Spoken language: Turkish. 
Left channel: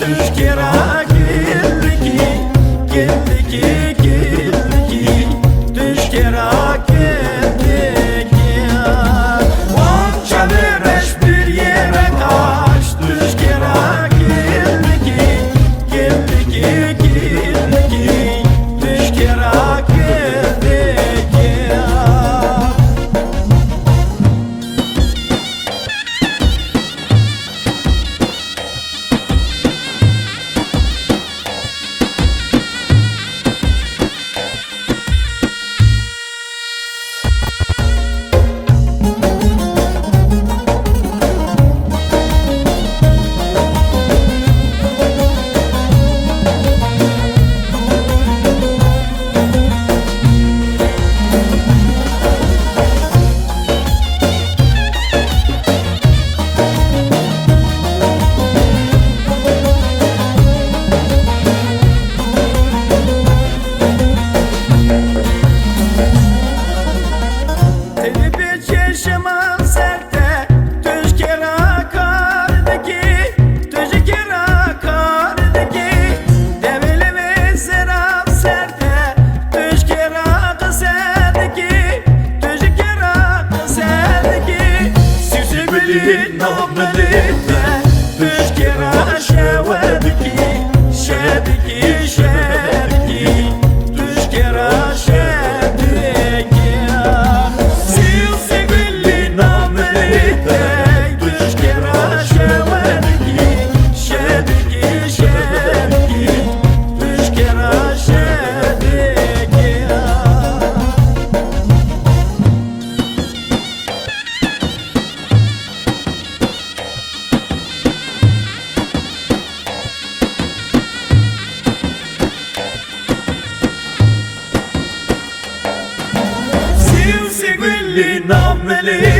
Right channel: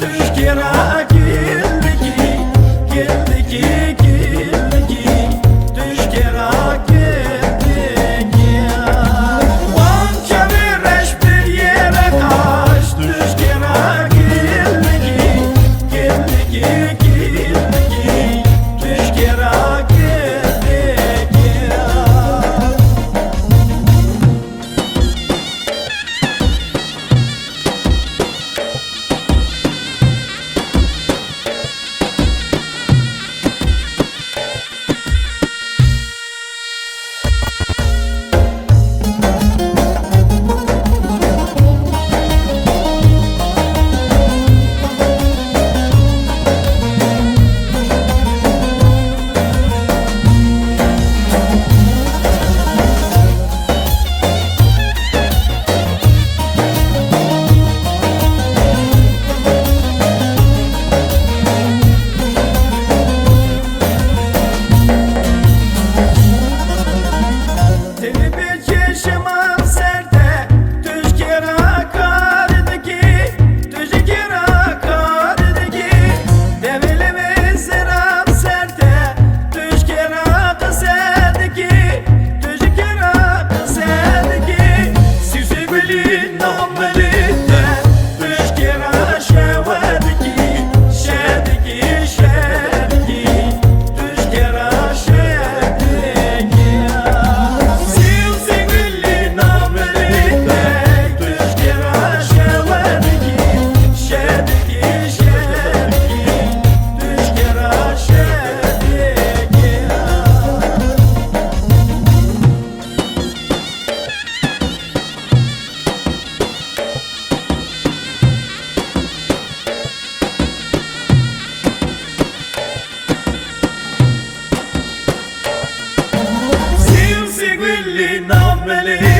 Tuşkera gildiki, gildiki, gildiki, tuşkera gildiki. Onca bir bir yere kaç, tuşkera gildiki, gildiki, gildiki, tuşkera gildiki. Telipi çeşmem serte, tuşkera kardaki, tuşkera kardaki. Devilimi seram serte, tuşkera kıserdaki, tuşkera kıserdaki. Süsü belin namelitte, tuşkera şevadiki, şediki, şediki, tuşkera şediki. Segui il nome